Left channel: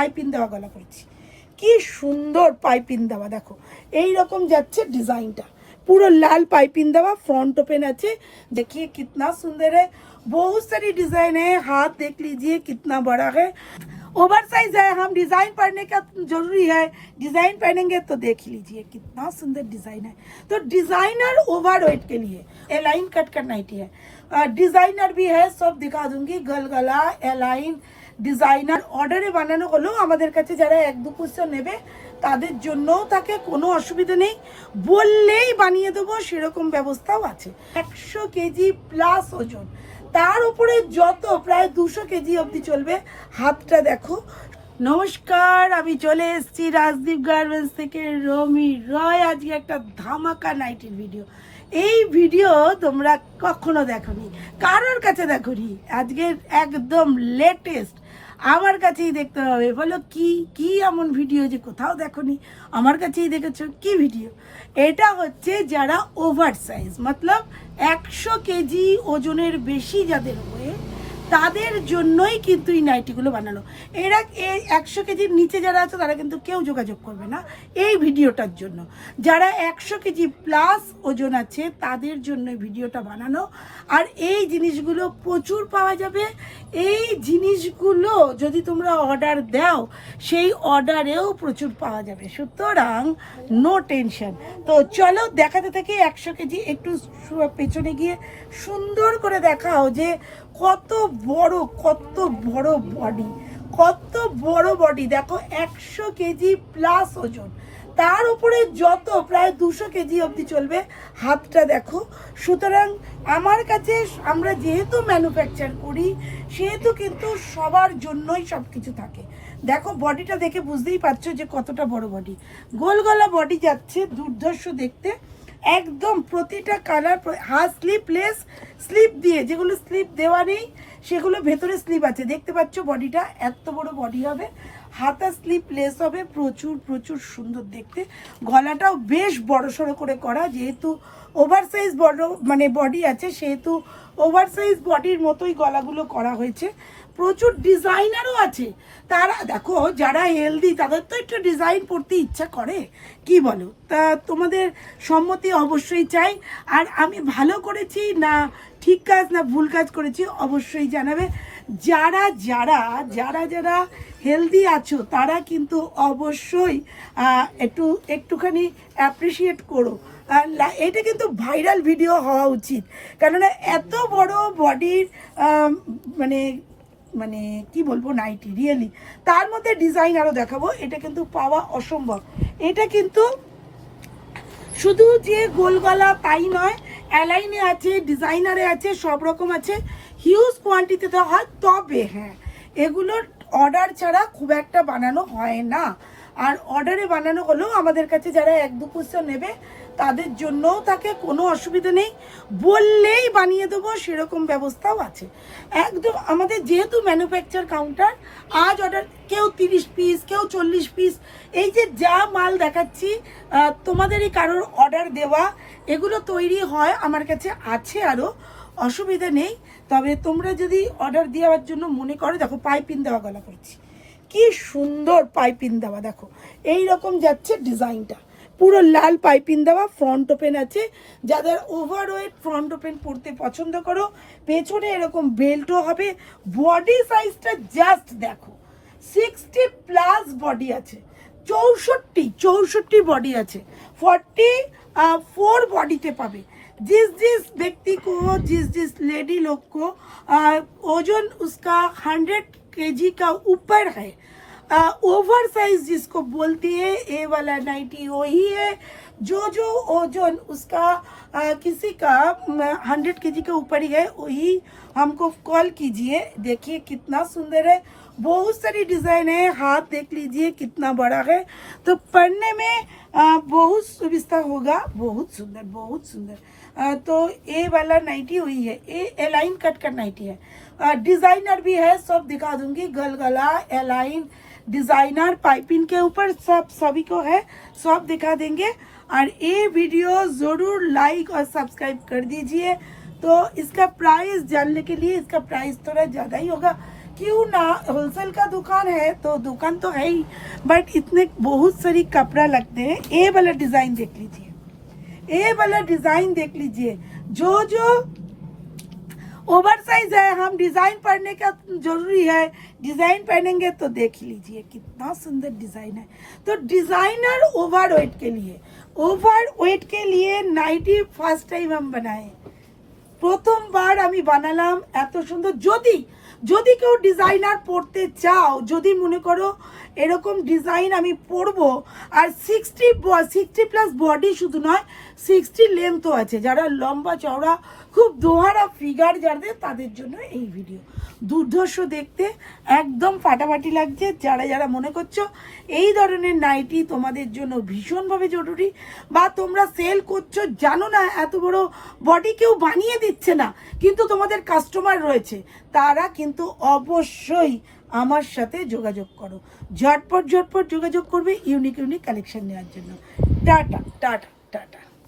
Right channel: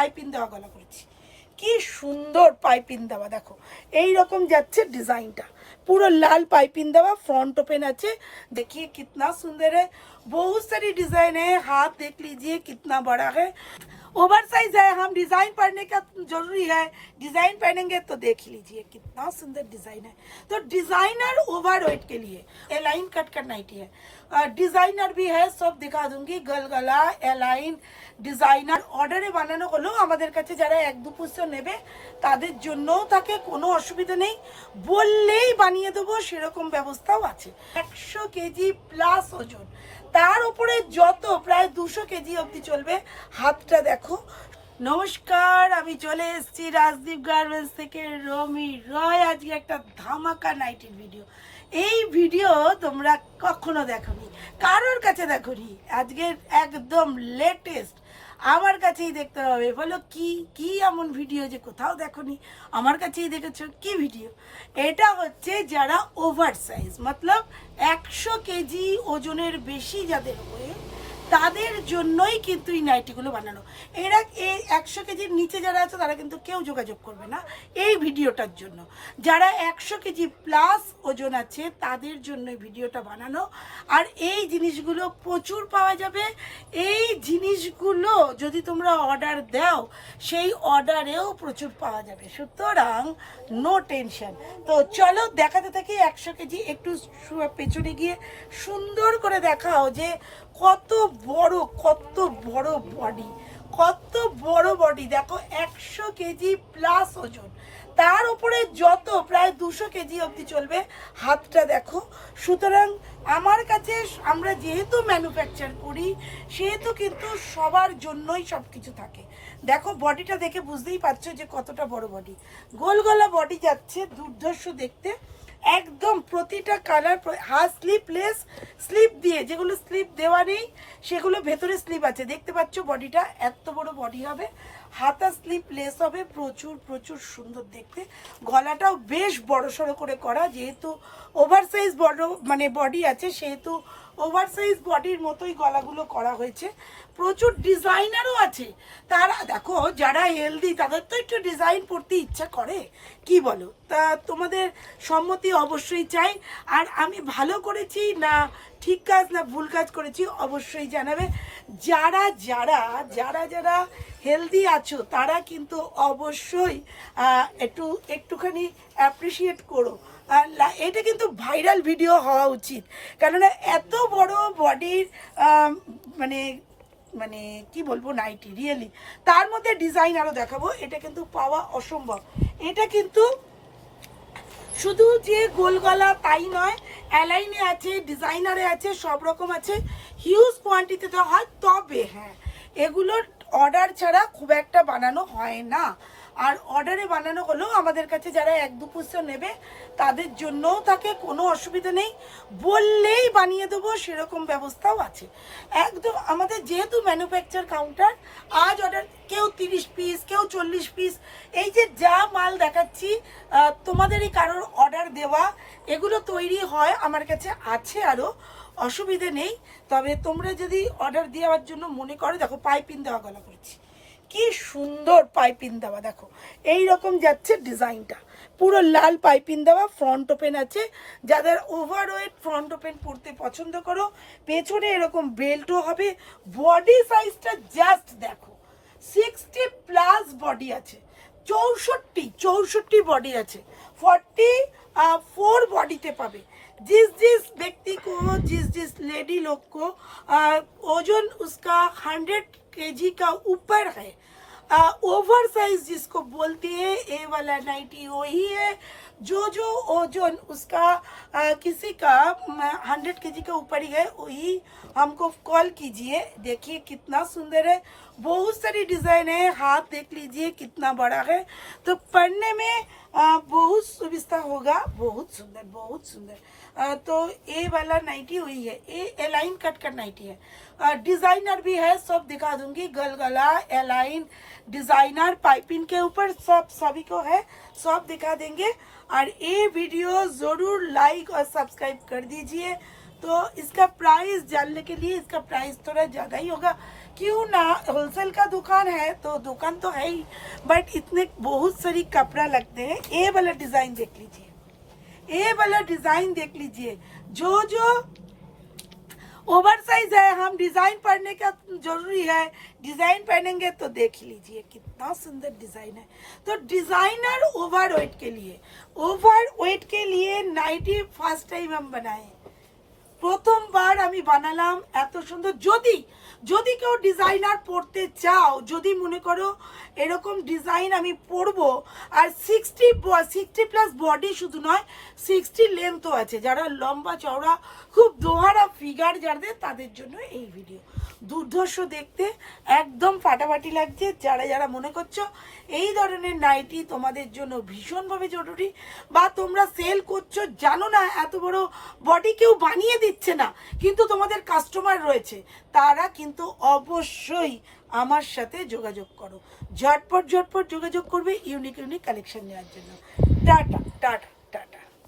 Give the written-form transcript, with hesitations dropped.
Piping দেওয়া গলা করেছি। কি সুন্দর পাইপিং দেওয়া, দেখো এই রকম যাচ্ছে ডিজাইনটা, पूरा लाल पाइपिंग दवा, फ्रंट ओपन अच्छे। देखिए कितना सुंदर है, बहुत सारी डिजाइन है, हाथ देख लीजिए कितना बड़ा है, ओवर साइज है। हम डिजाइन पहनने का जरूरी है, डिजाइन पहनेंगे तो देख लीजिए कितना सुंदर डिजाइन है। तो डिजाइनर ओवर वेट के लिए एलाइन कट का नाइटी है, डिजाइनर भी है, सब दिखा दूंगी। गलगला एलाइन ডিজাইনার অর্ডারে বানানো হলো আমাদের কাছে যারা 1-2 পিস নেবে তাদের জন্যও থাকে, কোনো অসুবিধা নেই, বললেই বানিয়ে দেবো সেরকম ব্যবস্থাও আছে। 100 কেজি প্লাস ওজন, তার উপরে যত প্রায় 200 কেজি অবধি চলবে। হাতটা দেখো। নমস্কার, আমি চলে এসেছি রাজদীপ গার্মেন্টস থেকে রমি রয়। আজকে একটা ধামাকা নাইটির ভিডিও। এই ভিডিও তোমরা কখনো দেখোনি, কারোর কাছে দেখোনি, আজকে একদম লেটেস্ট আমার কাছেই দেখতে হবে। বলো কি কি এমন ভিডিও যে কোথাও দেখোনি, আমার কাছেই দেখেছো? কি ভিডিও এটা? হচ্ছে যারা ওভার সাইজ, মতলব 100 কেজি ওজনের বেশি যাদের হয়ে, তাদের জন্যই কিন্তু এই নাইটিগুলো বানানো। এরা এই 100 কেজির নিচে যারা আছে তারা কিন্তু কেউ যোগাযোগ করবে না এই ভিডিওটার জন্য। যারা 100 কেজি প্লাস ওজন আছে তাদের জন্য ভিডিওটা বানানো। আর এই জিনিসগুলো প্রচুর পাওয়া যাবে। এই জিনিসগুলো যদি তোমরা অর্ডার দাও সেই অর্ডারেও প্রচুর পাওয়া যাবে, সুতরাং নো টেনশন। তো চলো দেখাতে থেকে 100 কেজি একটু পেছনে গিয়ে সুন্দর করে দেখাও যে কত বড় বডি, কত বড় বডি। দেখো 100 কেজি প্লাস ওজন, তার উপরে যত প্রায় 200 কেজি অবধি চলবে। হাতটা দেখো। সুতরাং আমার কাছে আমরা যেহেতু ম্যানুফ্যাকচার করি সেহেতু কিন্তু সবার জন্যই সব কিছু থাকে। দেখো বডিটা দেখে বুঝতেই পারছো যে কতটা বড় বডি, গোল গলা বডি যাচ্ছে, দুর্ধর্ষ দেখতে একদম। প্রতিটা কালার, হাত স্লিপলেস, স্লিপ দিয়ে, যেগুলো স্লিপ দেওয়া নেই সেগুলো ভেতরে স্লিপ আছে, দেখতে পাচ্ছ। বডিটা এত বড় বডি হবে, হাতা স্লিপলেস হবে, প্রচুর সুন্দর দেখতে। গলাটাও বেশ বড় সড়ো করে করা, যেহেতু ওভার সাইজ বড় মানে বডি আছে সেহেতু ওভার সাইজ বডির মতোই গলাগুলো করা হয়েছে। প্রচুর ডিজাইনারও আছে। তারা দেখো যারা হেলদি তাদের তো একটু ডিজাইন পড়তে ইচ্ছা করে, কি বলো? তা তোমাদের সম্মতি অবশ্যই চাই। আর আমি ভালো করেছি না ঠিক কাজ না ভুল কাজ করেছি অবশ্যই জানাবে। যারা যারা যারা যারা হেলদি আছো তারা কিন্তু অবশ্যই একটুখানি অ্যাপ্রিসিয়েট করো। এটা কিন্তু ভাইরাল ভিডিও হওয়া উচিত, কেননা এত বড় বডির মানে মানে কি বলবো নাইটি, রিয়েলি। তার মধ্যে ডিজাইন আরও দেখাবো, এটা কিন্তু পাওয়া অসম্ভব। এটা কিন্তু শুধু যে গোল গলা তাই নয়, অ্যালাইনে আছে, ডিজাইনারে আছে, সব রকম আছে। হিউজ কোয়ান্টিটিতে হয়, তবে হ্যাঁ এগুলোর অর্ডার ছাড়া খুব একটা বানানো হয় না। আর অর্ডারে বানানো হলেও আমাদের কাছে যারা 1-2 পিস নেবে তাদের জন্যও থাকে, কোনো অসুবিধা নেই, বললেই বানিয়ে দেবো সেরকম ব্যবস্থাও আছে একদম। আমাদের যেহেতু ম্যানুফ্যাকচার কাউন্টার, আজ অর্ডার কেউ 30 পিস, কেউ 40 পিস, এই যে যা মাল দেখাচ্ছি তোমাদেরই কারোর অর্ডার দেওয়া, এগুলো তৈরি হয় আমার কাছে আছে আরও, অসুবিধা নেই। তবে তোমরা যদি অর্ডার দেওয়ার জন্য মনে করো, দেখো পাইপিং দেওয়া গলা করেছি, কি সুন্দর পাইপিং দেওয়া, দেখো এই রকম যাচ্ছে ডিজাইনটা, পুরো লাল পাইপিং দেওয়া, ফ্রন্ট ওপেন আছে। যাদের ওভারওয়েট ফ্রন্ট ওপেন পরতে পছন্দ করো, পেছনে এরকম বেল্টও হবে। বডি সাইজটা জাস্ট দেখো, 60 প্লাস বডি আছে, 64 বডি আছে, 44 बॉडी पावे। जिस व्यक्ति को, जिस लेडी लोग को ओजन उसका 100 केजी का ऊपर है, ओवर साइज जिसको बोलती है, ये वाला नाइटी वही है। जो ओजन उसका किसी का 100 केजी के ऊपर ही है, वही हमको कॉल कीजिए। देखिए कितना सुंदर है, बहुत सारी डिजाइन है, हाथ देख लीजिए कितना बड़ा है, तो पहनने में बहुत सुविधा होगा। बहुत सुंदर। तो ये वाला नाइटी हुई है, ये एलाइन कट का नाइटी है, डिजाइनर भी है, सब दिखा दूंगी। गलगला एलाइन डिजाइनर पाइपिंग के ऊपर सब सभी को है, सब दिखा देंगे। और ये वीडियो जरूर लाइक और सब्सक्राइब कर दीजिए। तो इसका प्राइस जानने के लिए, इसका प्राइस थोड़ा ज़्यादा ही होगा क्यों ना, होलसेल का दुकान है तो दुकान तो है ही, बट इतने बहुत सारी कपड़ा लगते हैं। ये वाला डिजाइन देख लीजिए, ये वाला डिजाइन देख लीजिए, जो जो ओवर साइज है, हम डिजाइन पहनने का जरूरी है, डिजाइन पहनेंगे तो देख लीजिए कितना सुंदर डिजाइन है। तो डिजाइनर ओवर वेट के लिए नाइटी फर्स्ट टाइम हम बनाए, প্রথমবার আমি বানালাম এত সুন্দর। যদি যদি কেউ ডিজাইনার পড়তে চাও, যদি মনে করো এরকম ডিজাইন আমি পরবো, আর 60 প্লাস বডি শুধু নয় 60 লেন্থও আছে, যারা লম্বা চওড়া খুব দোহারা ফিগার যাদের, তাদের জন্য এই ভিডিও। দুর্ধর্ষ দেখতে, একদম ফাটাফাটি লাগছে। যারা যারা মনে করছো এই ধরনের নাইটি তোমাদের জন্য ভীষণভাবে জরুরি, বা তোমরা সেল করছো জানো না এত বড় বডি কেউ বানিয়ে দিচ্ছে না কিন্তু তোমাদের কাস্টমার রয়েছে, তারা কিন্তু অবশ্যই আমার সাথে যোগাযোগ করো, ঝটপট যোগাযোগ করবে ইউনিক কালেকশন নেওয়ার জন্য। Tata tata tata.